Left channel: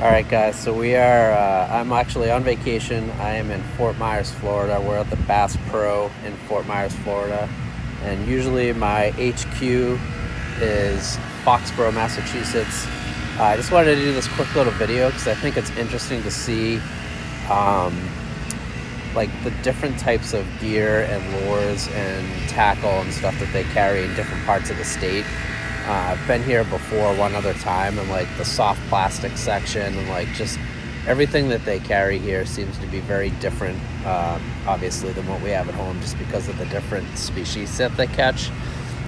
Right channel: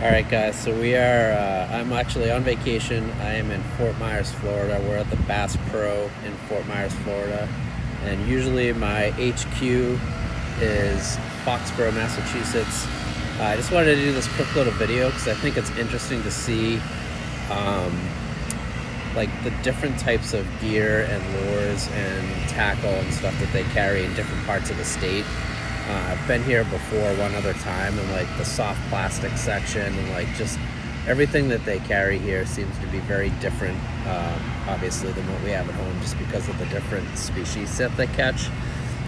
Alright guys, so I'm actually on vacation. I am in Fort Myers, Florida. We're at the Basspro in Fort Myers, Florida. And usually my HQ is Foxboro, Massachusetts. I just wanted to do this quick little video because I think it's interesting to see like the different types of gear and lures and tackle and stuff that they carry in different parts of the state. I've been here before one other time, and like the soft plastic section and like just everything that they carry here seems to be very different, obviously, than what we have at home, just because of the different species that they catch.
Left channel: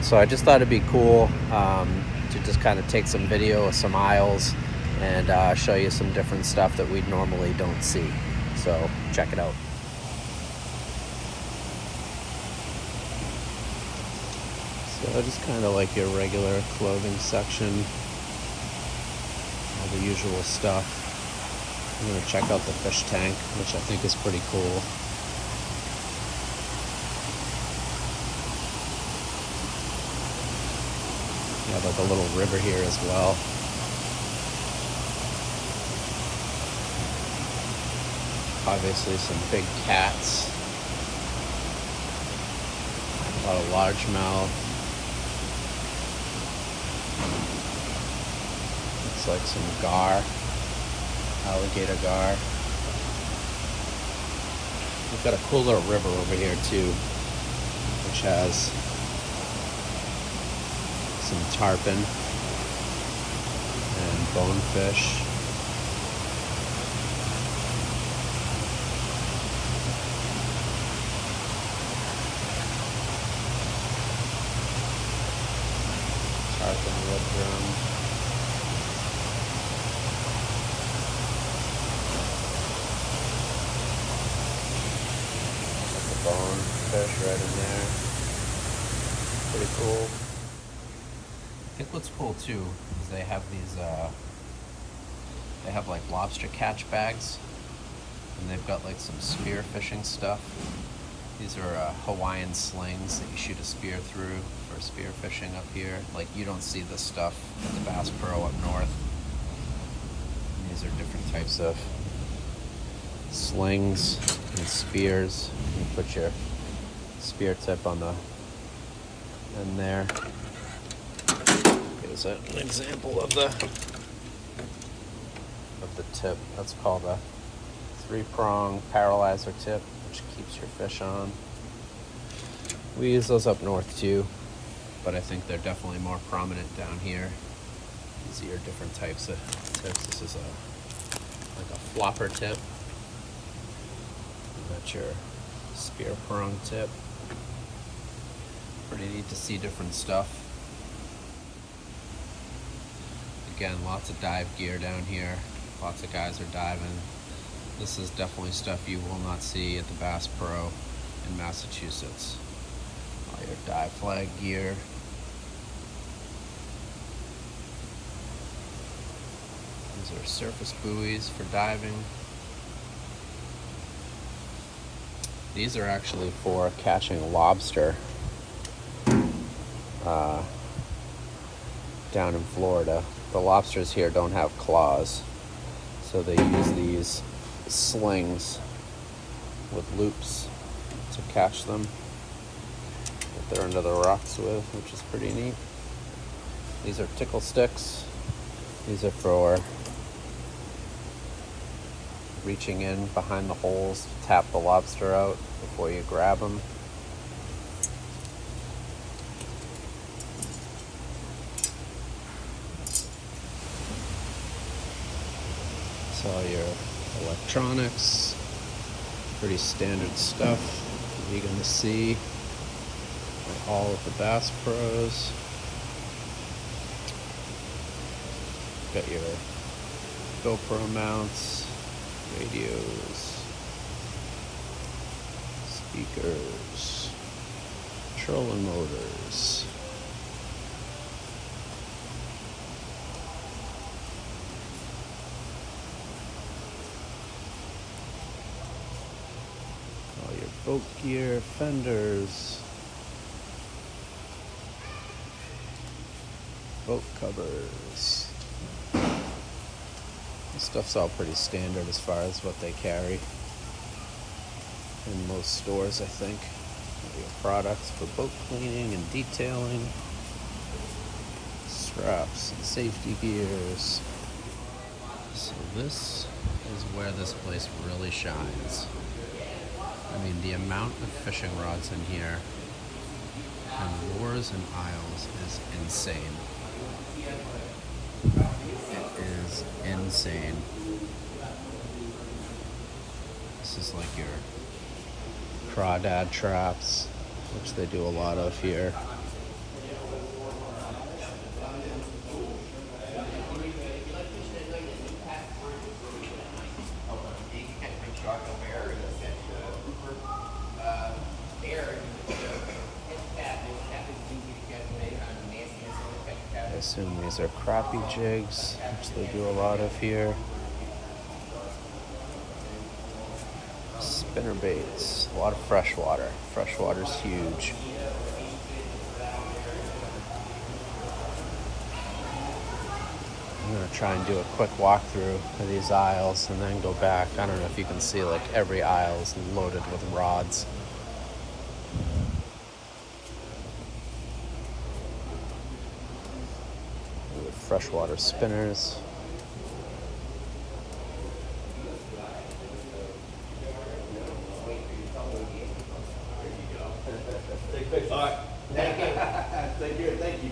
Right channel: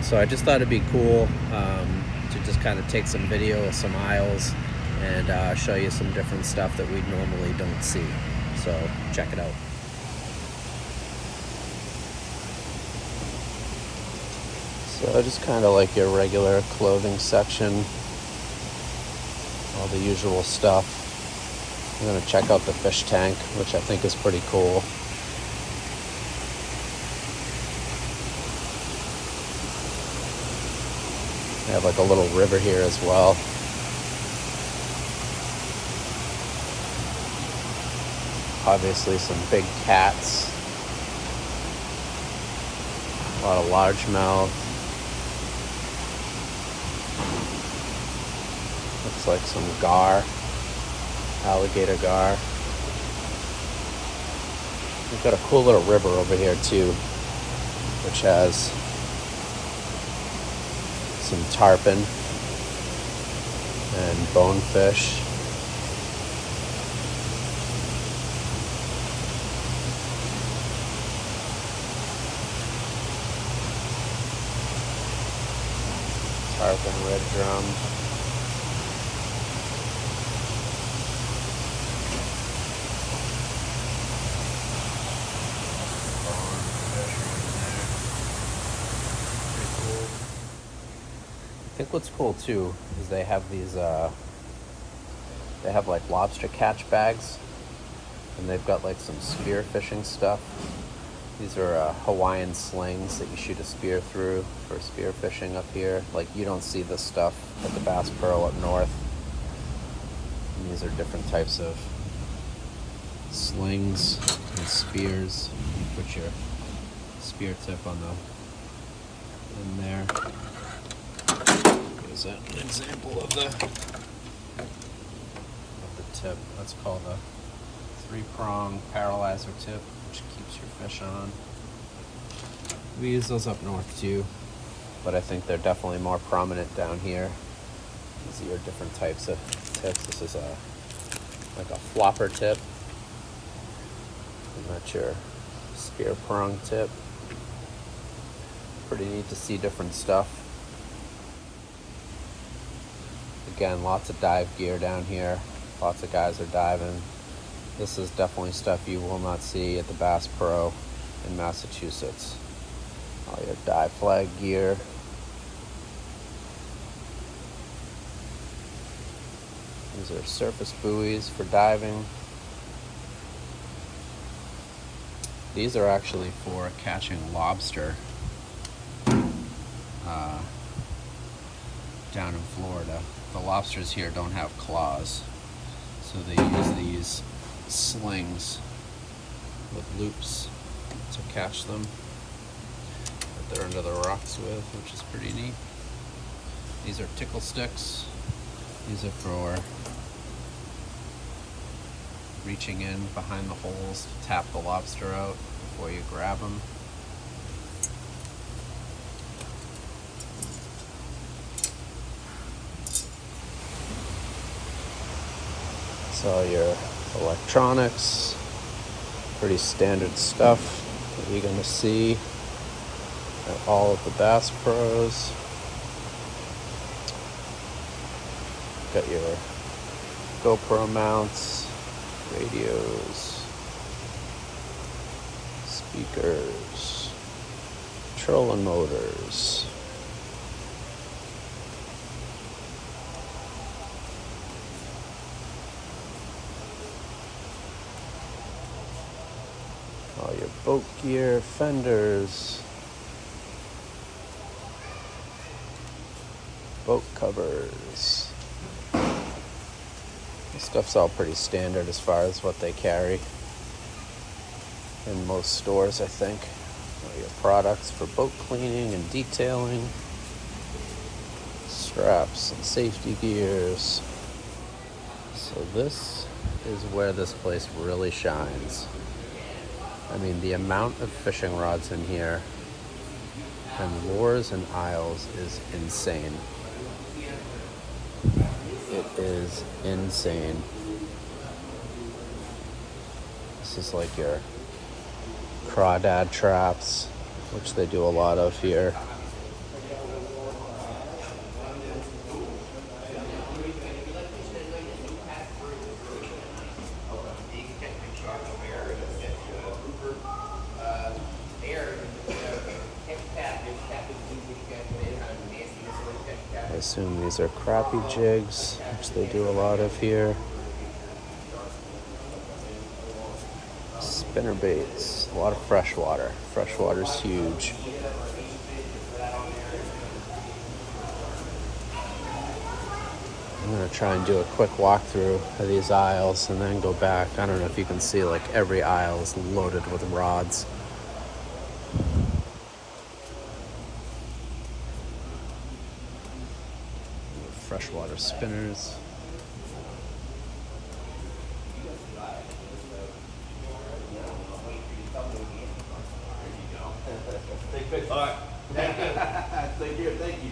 So I just thought it'd be cool to just kind of take some video of some aisles and show you some different stuff that we normally don't see. So check it out. So just kind of like your regular clothing section, all the usual stuff. I'm gonna check out the fish tank, which I think is pretty cool. We have like a little river here as well. Obviously some big cats, a lot of largemouth. Looks like some gar, alligator gar. We've got a cool little river over here too, which has some tarpon and bonefish. Tarpon red drum. Fish right in there. Pretty cool. I think what's cool too is they have these they have like lobster catch bags, and they've got like some spear fishing stuff. These are Hawaiian slings that you shoot a spear through for spear fishing up here. Like, you don't see this stuff at the Basspro up north. And these are different types of slings and spears. You put your spear tip on the in there. Here's an example of the tip. That's called a 3-prong paralyzer tip, which keeps your fish on. We use those up north too, but I think they're definitely more prominent down here. These are your different types of tips. This is like a flopper tip. And that's your spear prong tip. Pretty neat to see different stuff. Again, lots of dive gear down here. Lots of guys are diving. This is definitely stuff you will not see at the Basspro in Massachusetts. All your dive flag gear. These are surface buoys for diving. These are actually for catching lobster down in Florida. The lobsters here don't have claws, so they use these slings with loops to catch them that they're under the rocks with, which is pretty neat. These are tickle sticks. These are for reaching in behind the holes to tap the lobster out before you grab them. So your electronics, pretty standard stuff that you're gonna see at all of the Basspros. Got your GoPro mounts, radios, speakers, trolling motors. All your boat gear, fenders, boat covers. This stuff's all pretty standard as far as what they carry in most stores, I think. We have products for boat cleaning and detailing, straps and safety gears. So this is where this place really shines. I mean, the amount of fishing rods in here and lures and aisles is insane. It is insane. This is like your crawdad traps, which they do a lot of here. I assume these are crappie jigs, which they do a lot of here. Spinner baits, a lot of freshwater. Freshwater's huge. I'm gonna try and do a quick walkthrough of these aisles and then go back. I don't know if you can see, like, every aisle is loaded with rods. Freshwater spinners. All right. Thank you. Thank you.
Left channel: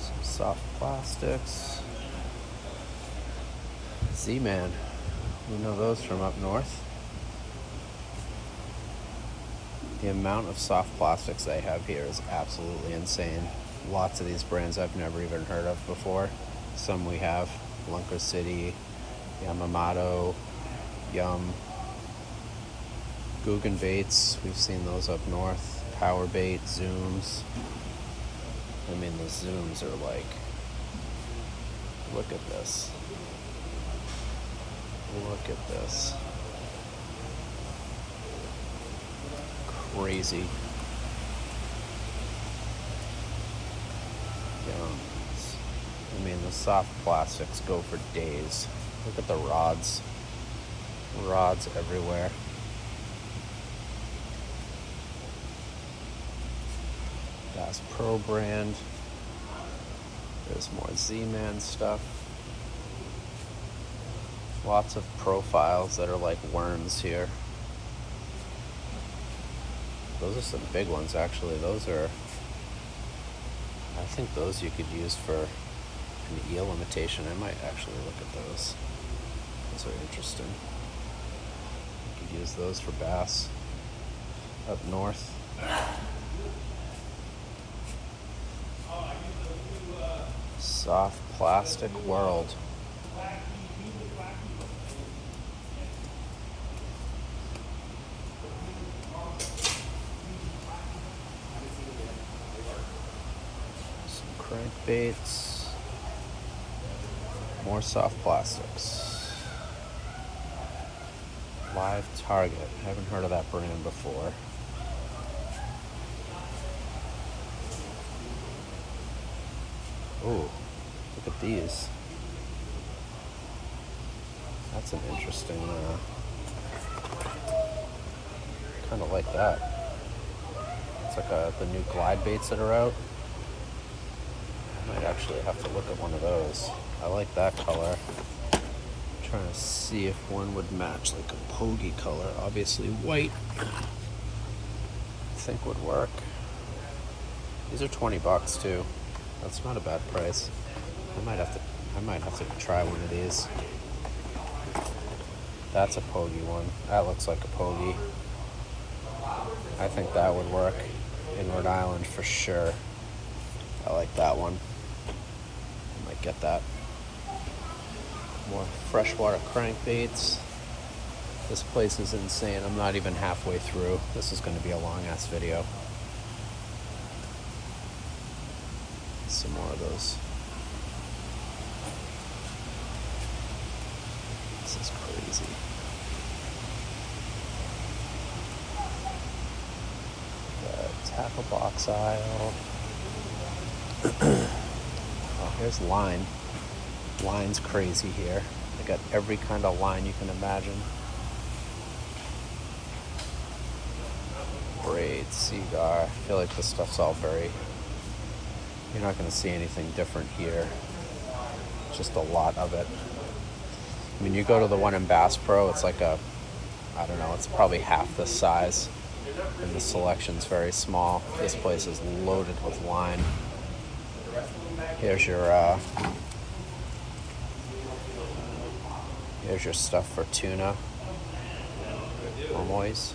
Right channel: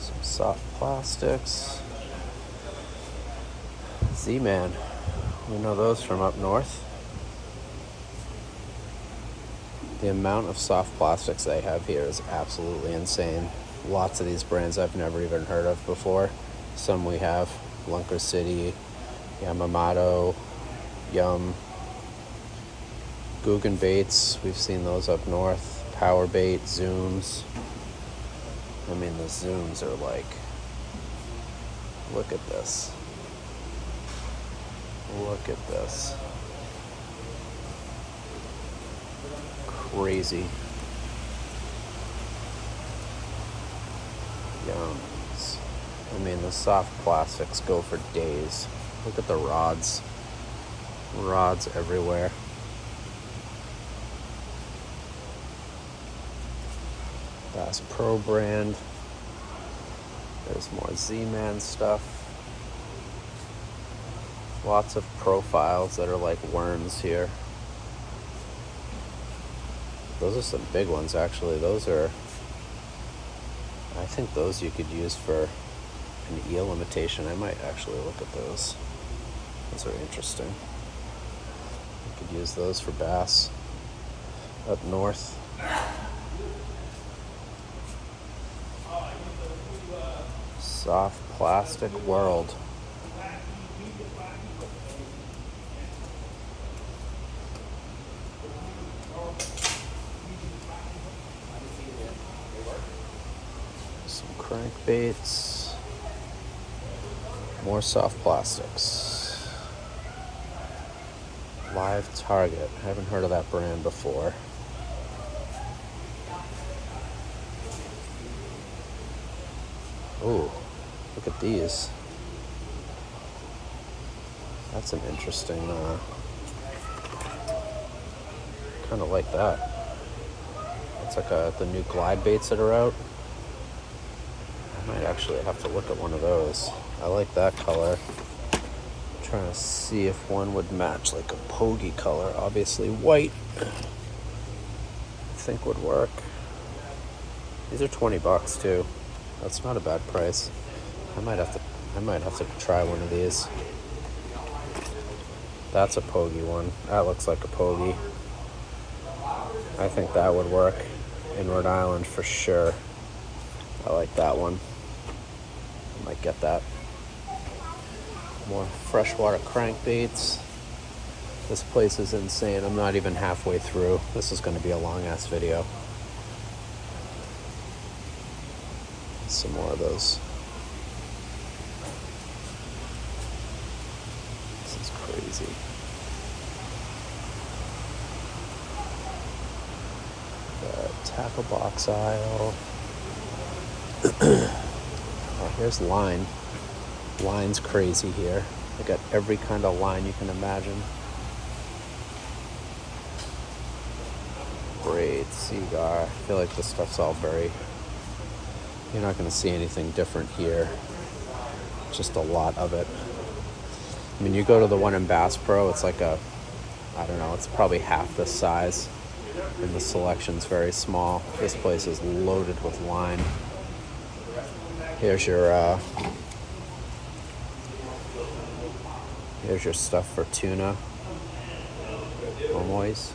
Some soft plastics. Z-Man. We know those from up north. The amount of soft plastics they have here is absolutely insane. Lots of these brands I've never even heard of before. Some we have. Lunker City, Yamamoto, Yum, Guggen Baits. We've seen those up north. Power Bait, Zooms. I mean, the Zooms are like, look at this. Look at this. Crazy. Yums. I mean, the soft plastics go for days. Look at the rods. Rods everywhere. Basspro brand. There's more Z-Man stuff. Lots of profiles that are like worms here. Those are some big ones, actually. Those are, I think those you could use for an eel imitation. I might actually look at those. Those are interesting. You could use those for bass up north. Soft plastic world. Crankbaits, more soft plastics. Live Target, I haven't heard of that brand before. Ooh, look at these. That's an interesting, kind of like that. It's like the new glide baits that are out. I might actually have to look at one of those. I like that color. I'm trying to see if one would match like a pogey color. Obviously white, I think would work. These are $20 too. That's not a bad price. I might have to try one of these. That's a pogey one. That looks like a pogey. I think that would work in Rhode Island for sure. I like that one. Might get that. More freshwater crankbaits. This place is insane. I'm not even halfway through. This is going to be a long ass video. Some more of those. This is crazy. Snapper Black Sile. There's line. Line's crazy here. I got every kind of line you can imagine. Great Seagull. I feel like this stuff's all buried. You're not going to see anything different here. Just a lot of it. When you go to the one in Basspro, it's like a, I don't know, it's probably half this size. And the selection's very small. This place is loaded with line. Here's your stuff for tuna. Noise.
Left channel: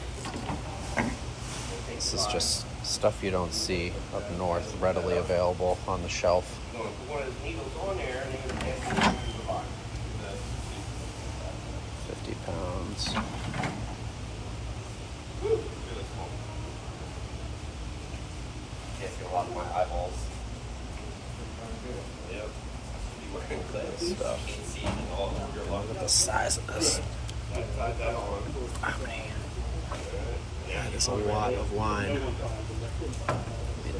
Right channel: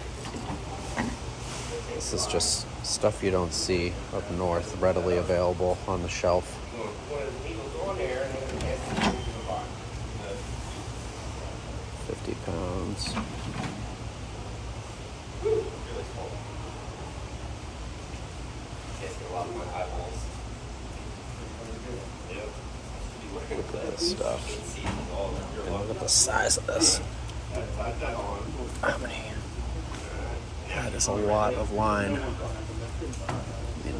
This is just stuff you don't see up north, readily available on the shelf. 50 pounds. Stuff. Look at the size of this. That is a lot of line.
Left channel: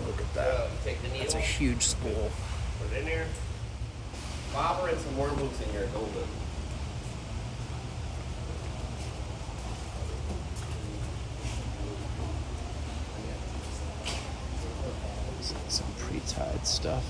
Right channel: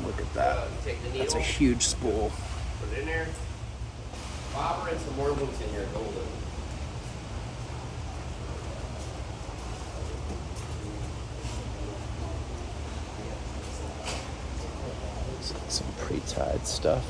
Look at that. It's a huge spool. Put it in there. Bobber and some worms in here. Some pre-tied stuff.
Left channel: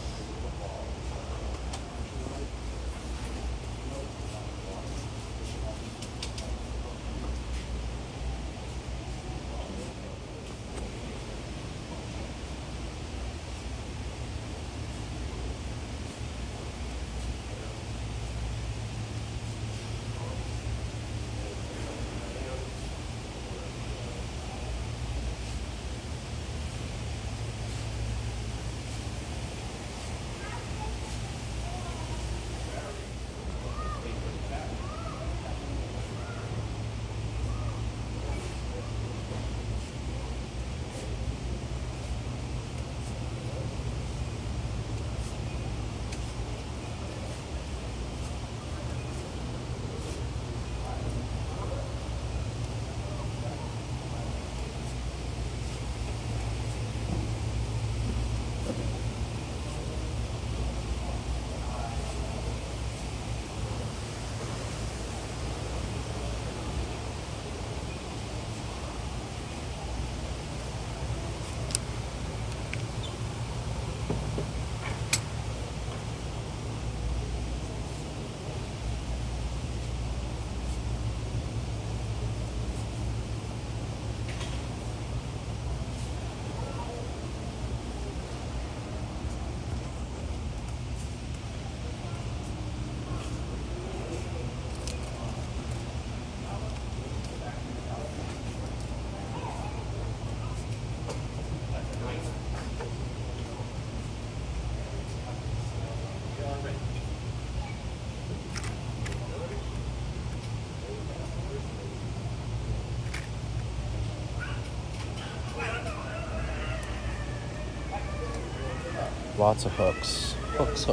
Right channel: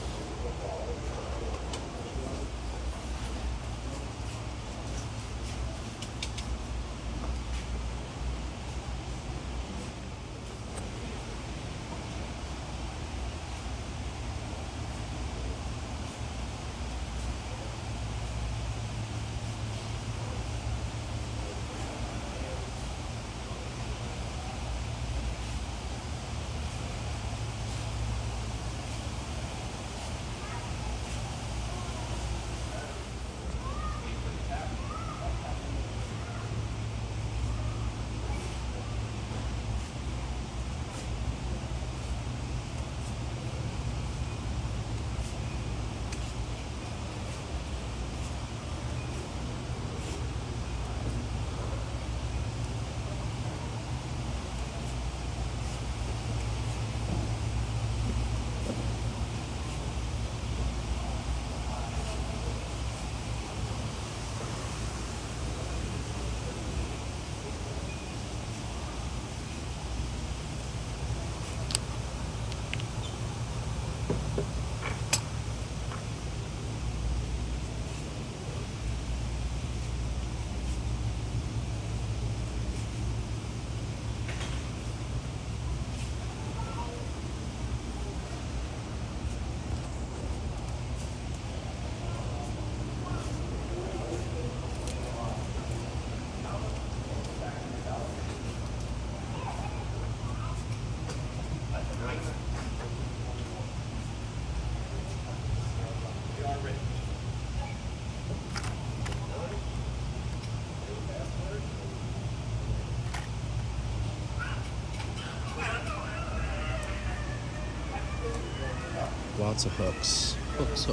Lots of hooks. Hooks.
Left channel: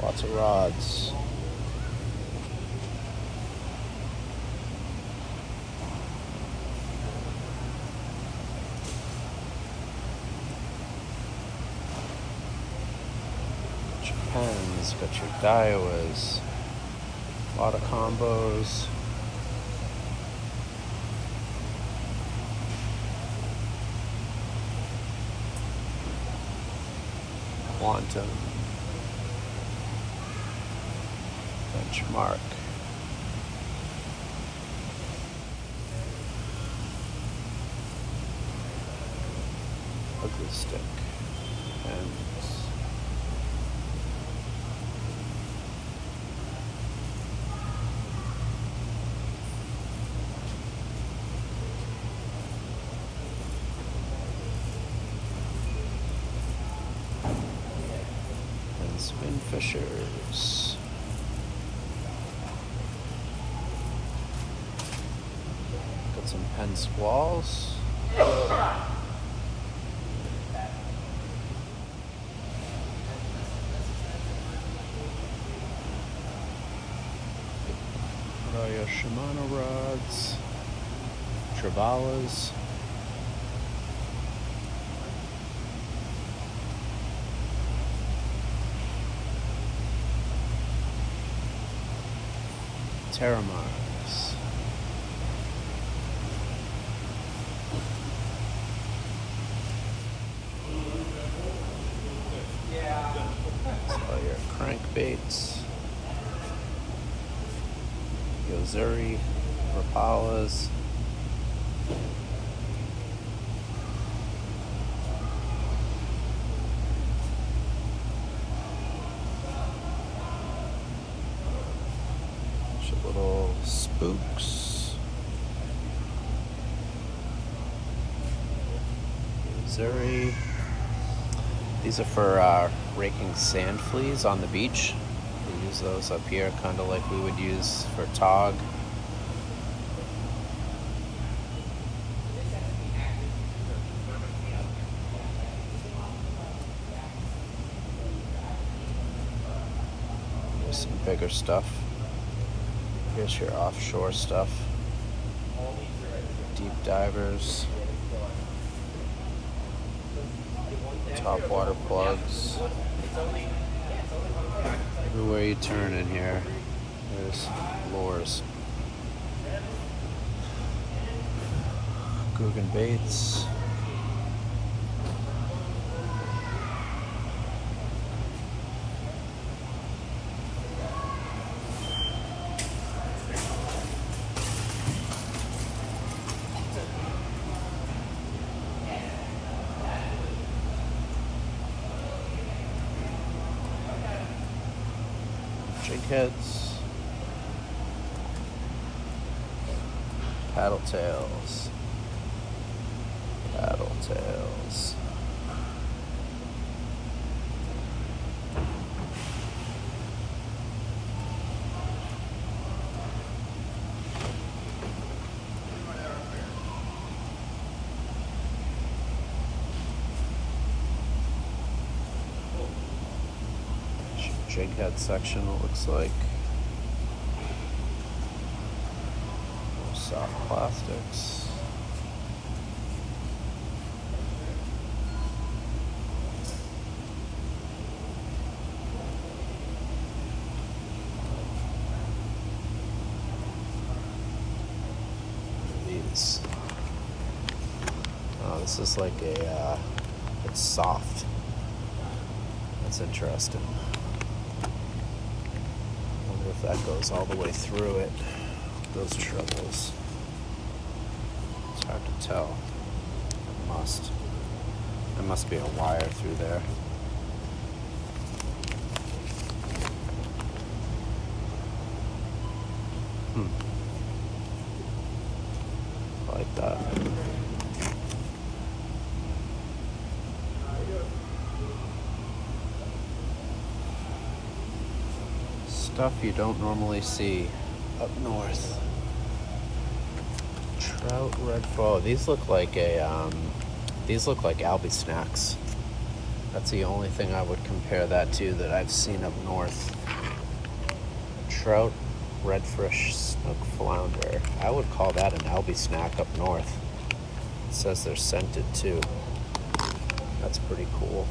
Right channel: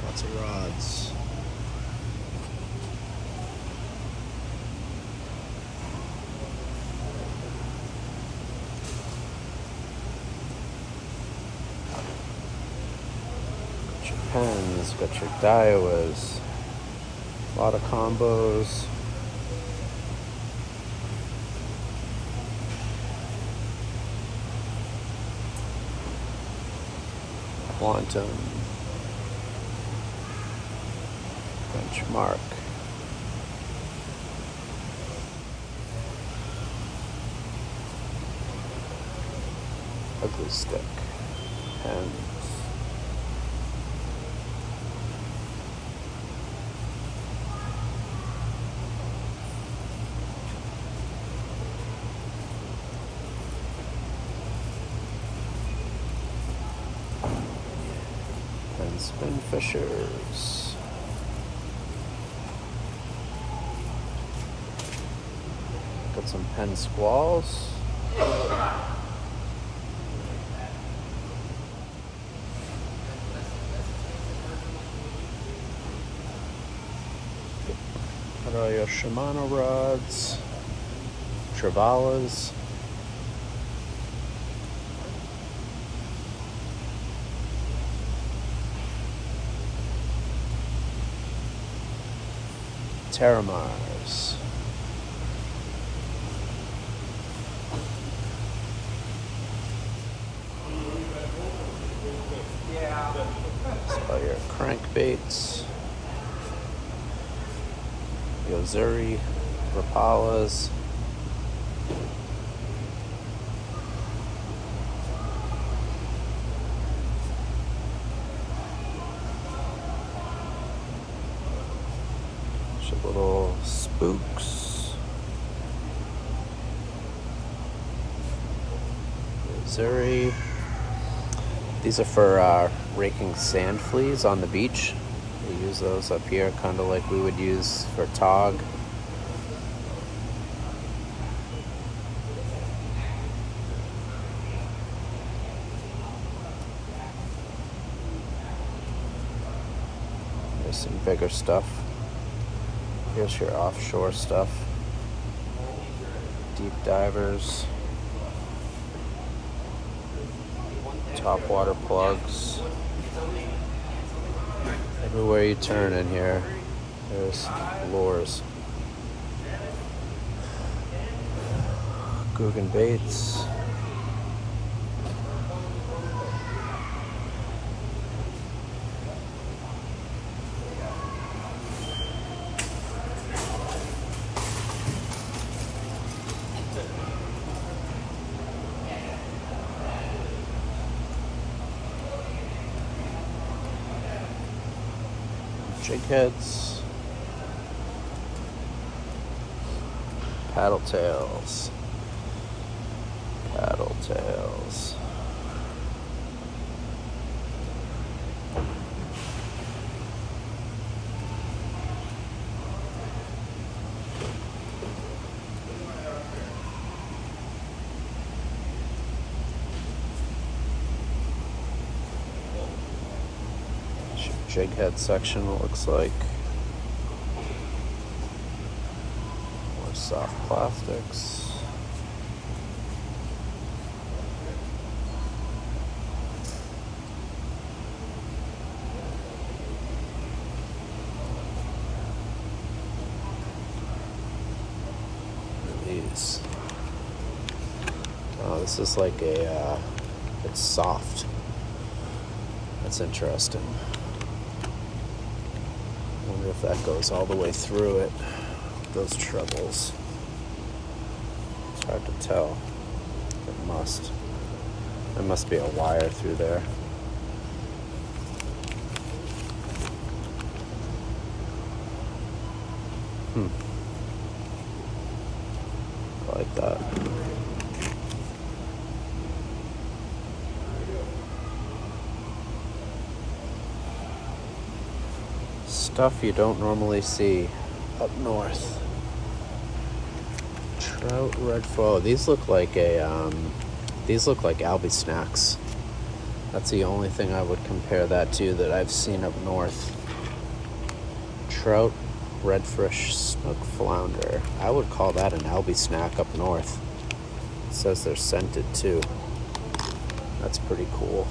Lots of rods. Got your pens, got your Daiwas. A lot of combos. Quantum, benchmark, ugly stick, pens, spin fishers. Got some pen squalls. Got your Shimano rods, Travalas. Terramars. Scarlet crankbaits. Missouri Impalas. Little spooks. Missouri. These are for raking sand fleas on the beach. We use those up here, kind of like we would use for tog. There's some bigger stuff. Here's your offshore stuff. Deep divers. Top water plugs. Everywhere you turn in here, there's lures. Guggen baits. Jig heads, paddle tails, paddle tails. Jig head section looks like. More soft plastics. These. Oh, this is like a. It's soft. That's interesting. If that goes all the way through it, those trebles. It's hard to tell. It must. There must be a wire through there. Like that. Stuff you don't normally see up north. Trout red fall. These look like Albi snacks. That's the only thing I would compare that to that I've seen up north. Trout redfish smoked flounder. I would call that an Albi snack up north. It says they're scented too. That's pretty cool.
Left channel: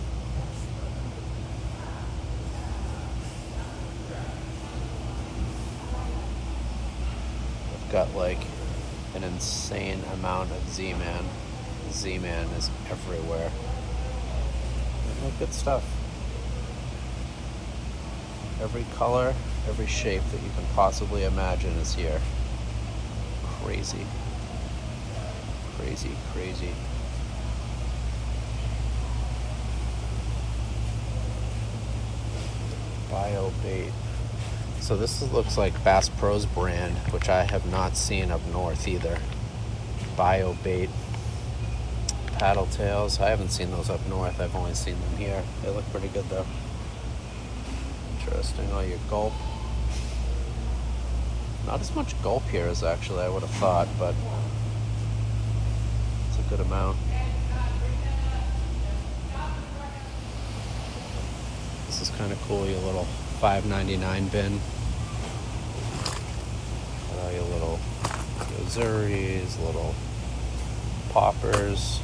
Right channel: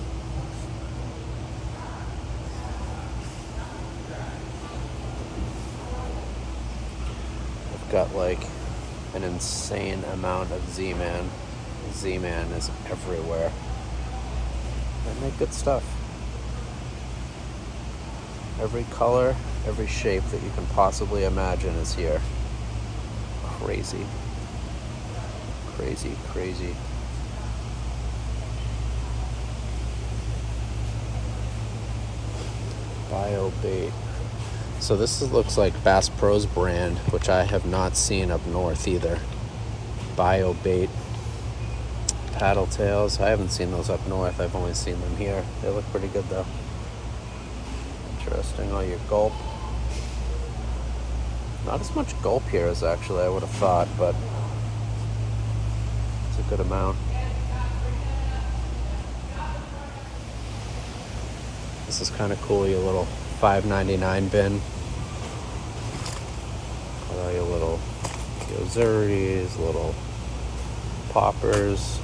Got like an insane amount of Z-Man. Z-Man is everywhere. I make good stuff. Every color, every shape that you can possibly imagine is here. Crazy. Crazy, crazy. Biobait. So this looks like Basspro's brand, which I have not seen up north either. Biobait. Paddle tails. I haven't seen those up north. I've only seen them here. They look pretty good though. Interesting on your gulp. Not as much gulp here as actually I would have thought, but it's a good amount. This is kind of cool, your little $5.99 bin. Little rosaries, little poppers.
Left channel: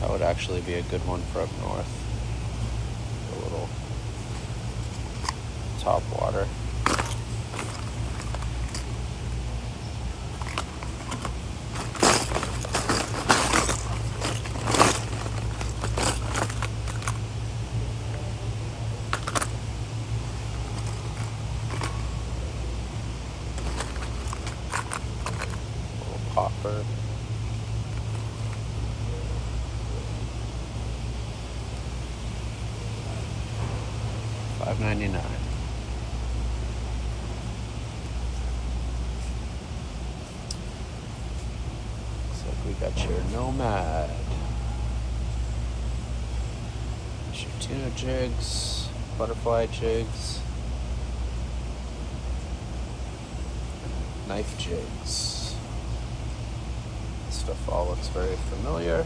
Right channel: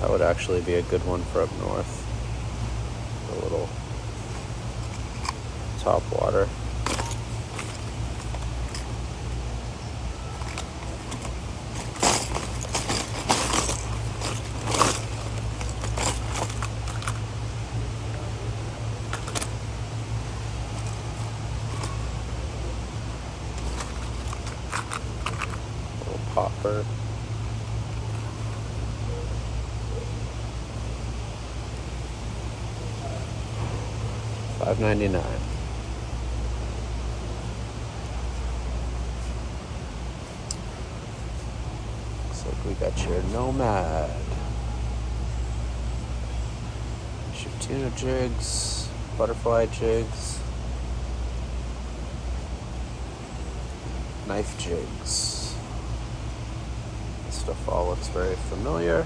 That would actually be a good one for up north. A little top water. Popper. $5.99. So we got your Nomad. There's your tuna jigs, butterfly jigs, knife jigs. Stuff all looks very familiar.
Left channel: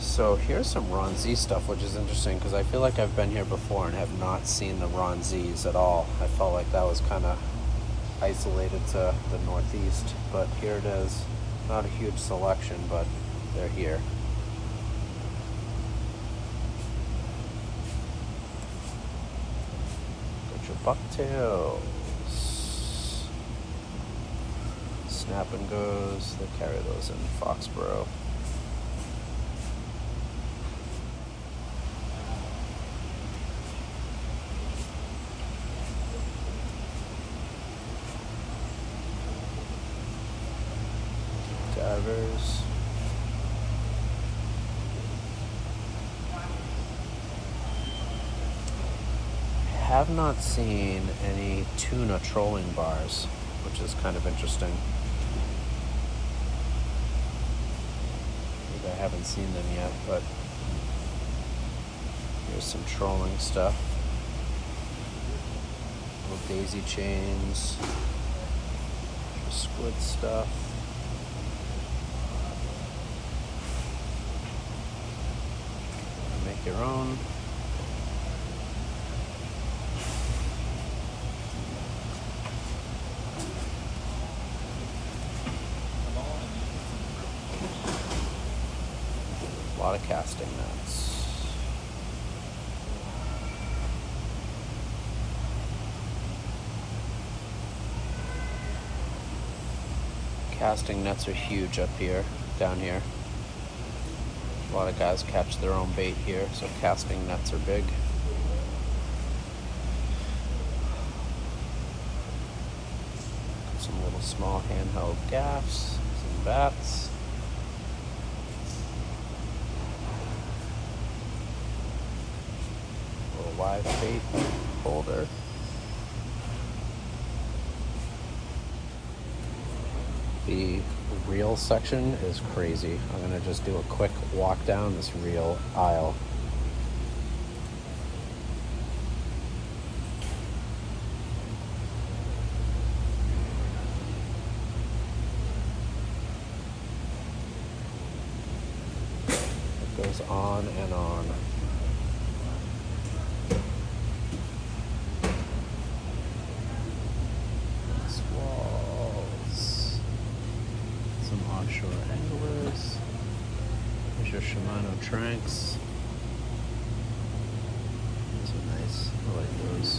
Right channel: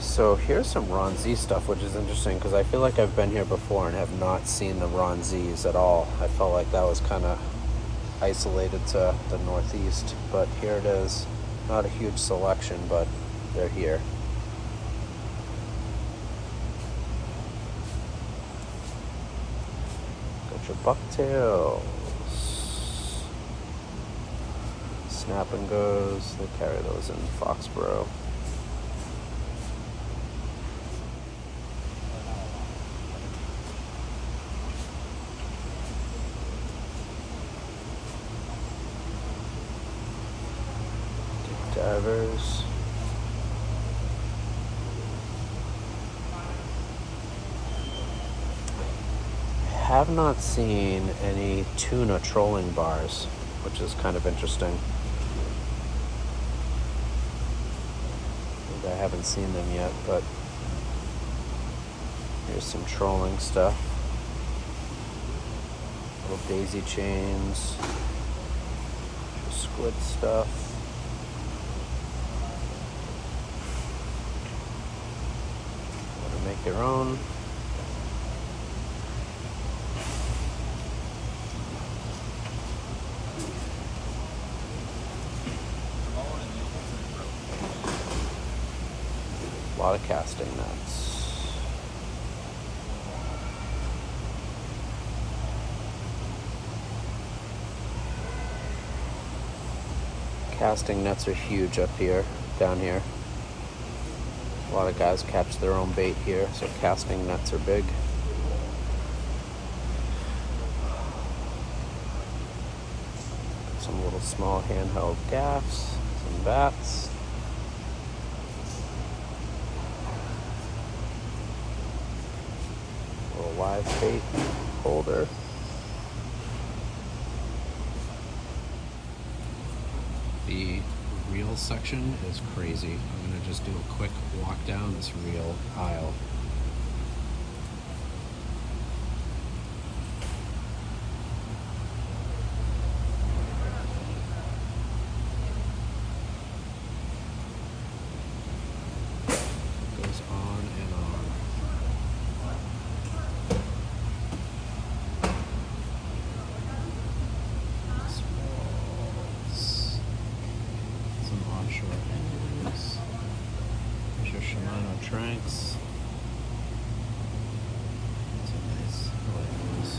So here's some Ron Z stuff, which is interesting because I feel like I've been here before and have not seen the Ron Z's at all. I felt like that was kind of isolated to the Northeast, but here it is. Not a huge selection, but they're here. Got your bucktails. Snap and goes. They carry those in Foxboro. Divers. Have not seen any tuna trolling bars, which is kind of interesting. Maybe I haven't seen them yet, but there's some trolling stuff. Little daisy chains, squid stuff. Make their own. A lot of casting nets. Casting nets are huge up here, down here. A lot of guys catch their own bait here, so casting nets are big. Some little small handheld gaffs, some bats. A live bait holder. The reel section is crazy. I'm gonna just do a quick walk down this reel aisle. It goes on and on. Tranks. Those are nice. I like those.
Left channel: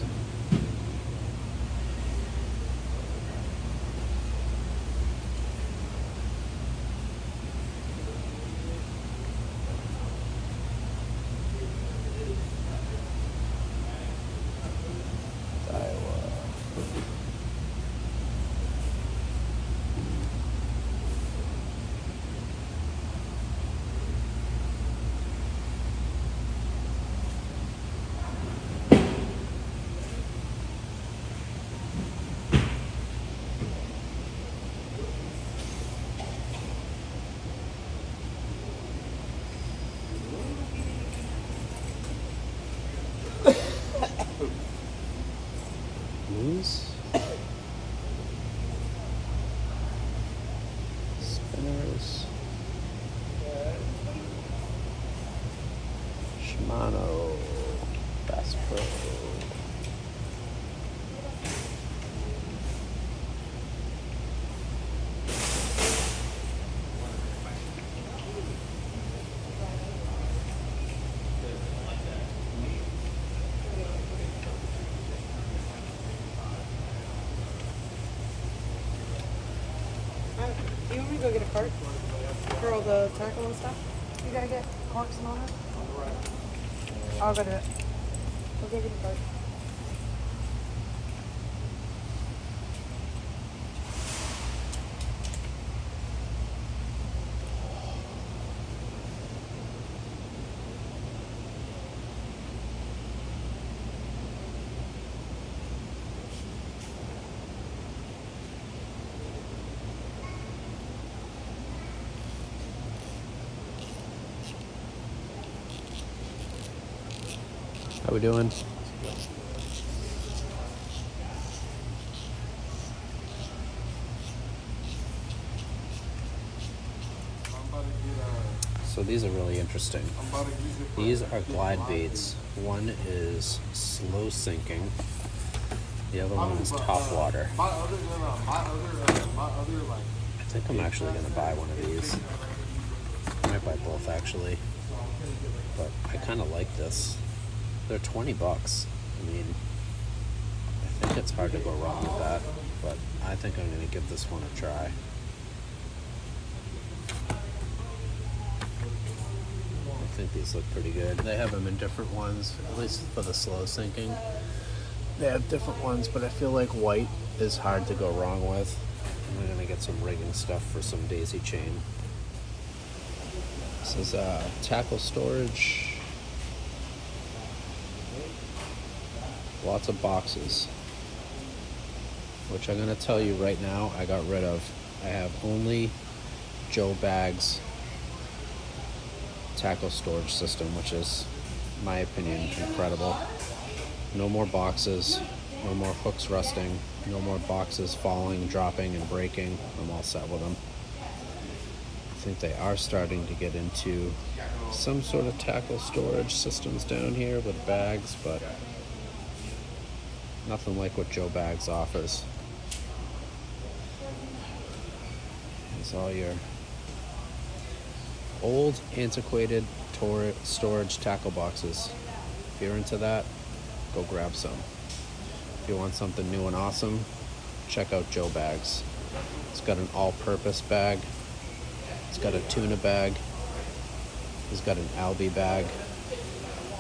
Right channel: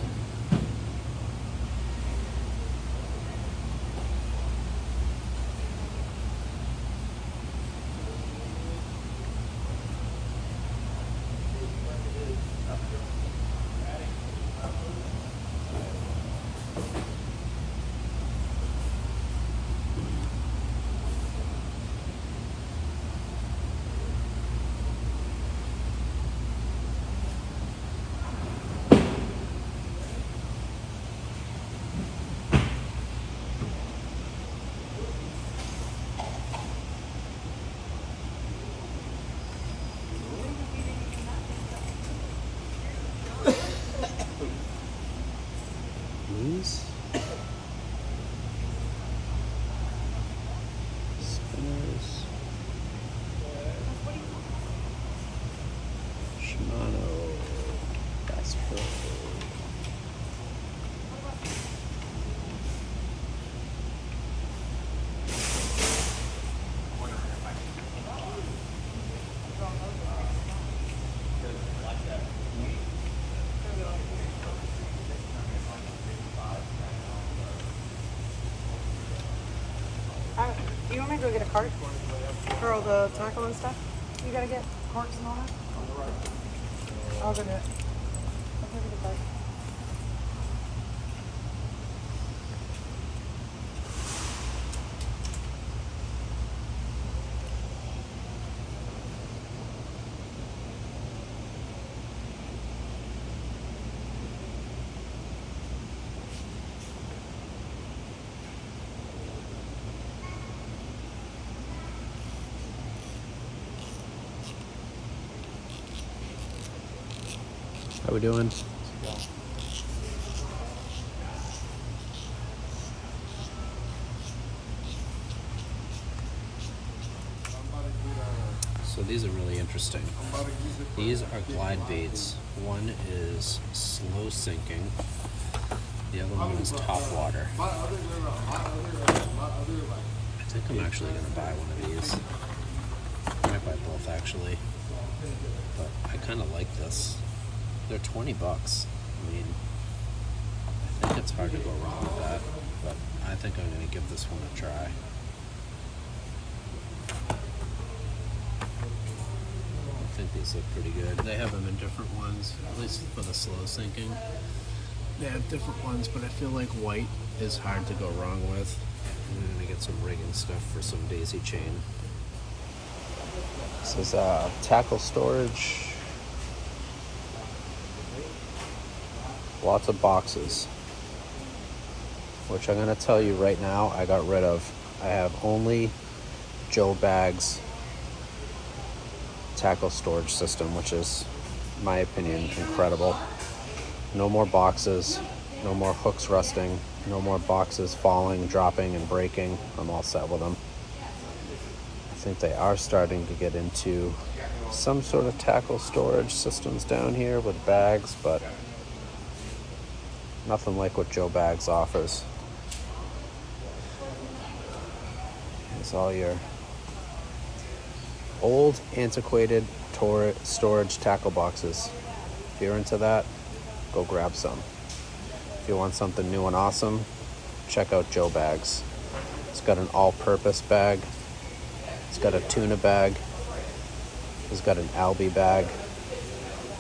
Spinners. Shimano. Basspro. cart for all the tackle and stuff? You gotta get carts and all that? I'll go do it. I'll give you the cart. How we doing? So these are really interesting. These are glide baits. One is slow sinking. The other one is top water. I think I'm actually going to buy one of these. I might buy both actually. But I kind of like this. They're 20 bucks. I mean, I think it's hard to go wrong with that, but I think I'm going to give this one a try. I think these look pretty good. They have them in different ones, at least for the slow sinking. They have different ones, but I feel like white is hard to go wrong with. I'm going to get some rigging stuff for some daisy chain. This is tackle storage. Lots of boxes, which I'm going to tell you right now I got rid of. I have only Joe Bag's tackle storage system, which is, in my opinion, incredible. No more boxes, no more hooks rusting, no more boxes falling, dropping, and breaking. I'm all set with them. I think they are starting to get into some sort of tackle storage systems down here with bags, but nothing like what Joe Bags offers. It's all your old, antiquated storage tackle boxes. If you're into that, go grab some. If you want something new and awesome, check out Joe Bags. It's got an all-purpose bag. It's got a tuna bag. It's got an Albi bag.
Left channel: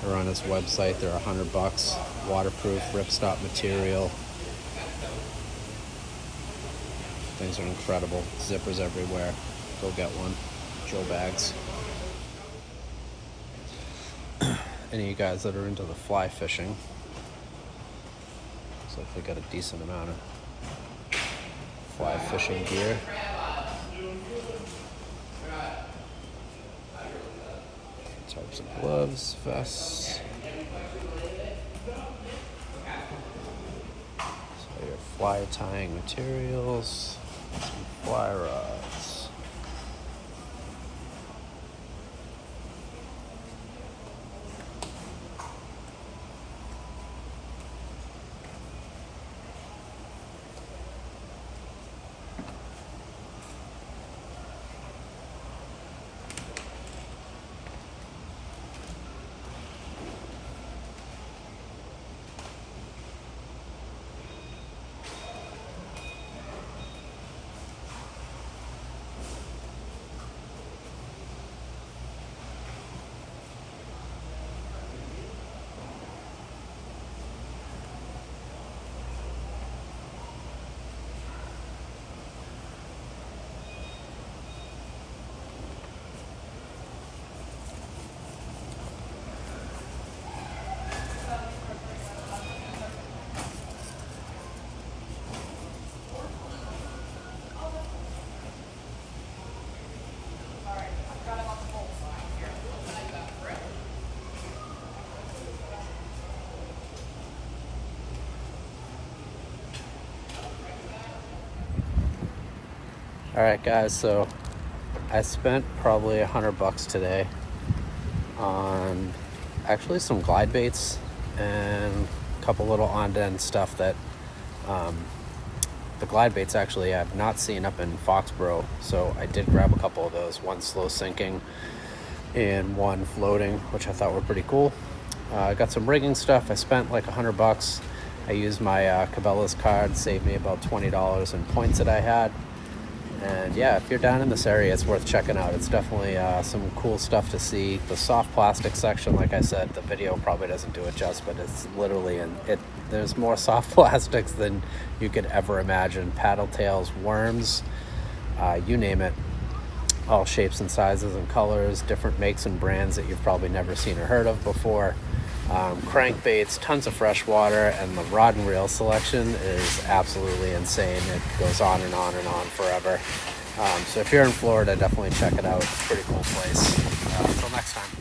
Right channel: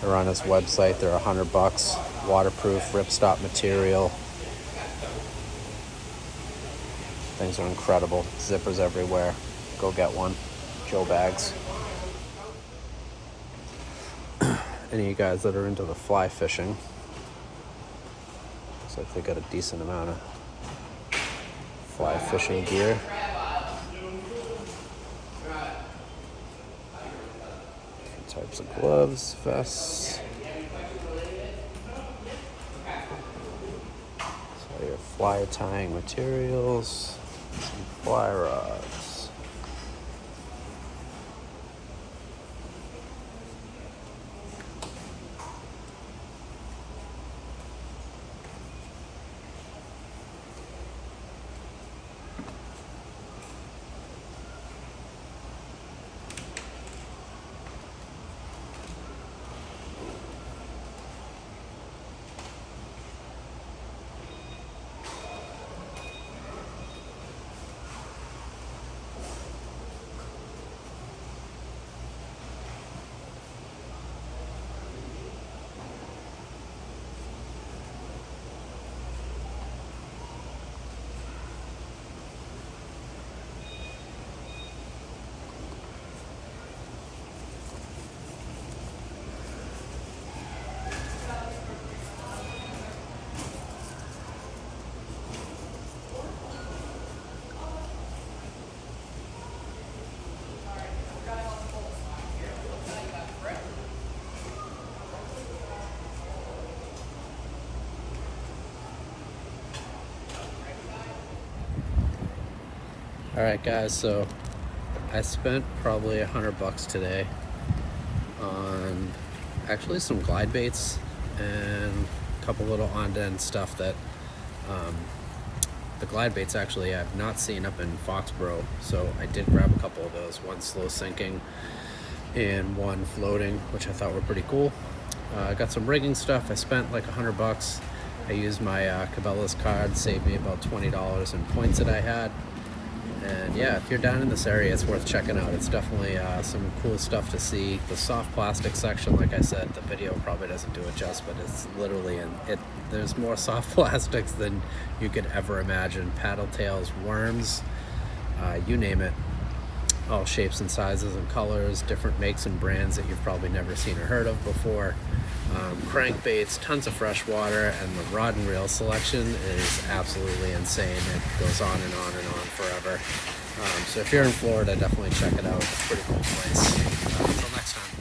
They're on his website. They're $100. Waterproof, ripstop material. Things are incredible. Zippers everywhere. Go get one. Joe Bags. Any of you guys that are into the fly fishing, looks like they got a decent amount of fly fishing gear. Types of gloves, vests. So your fly tying materials, and fly rods. All right, guys, so I spent probably $100 today on actually some glide baits and a couple little on-end stuff that the glide baits actually I have not seen up in Foxboro, so I did grab a couple of those, one slow sinking and one floating, which I thought were pretty cool. I got some rigging stuff. I spent like $100. I used my Cabela's card, saved me about $20 in points that I had. And yeah, if you're down in this area, it's worth checking out. It's definitely some cool stuff to see. The soft plastic section, like I said, the video probably doesn't do it justice, but it's literally, there's more soft plastics than you could ever imagine. Paddle tails, worms, you name it. All shapes and sizes and colors, different makes and brands that you've probably never seen or heard of before. Crankbaits, tons of fresh water, and the rod and reel selection is absolutely insane. It goes on and on and on forever. So if you're in Florida, definitely check it out. It's a pretty cool place. Until next time.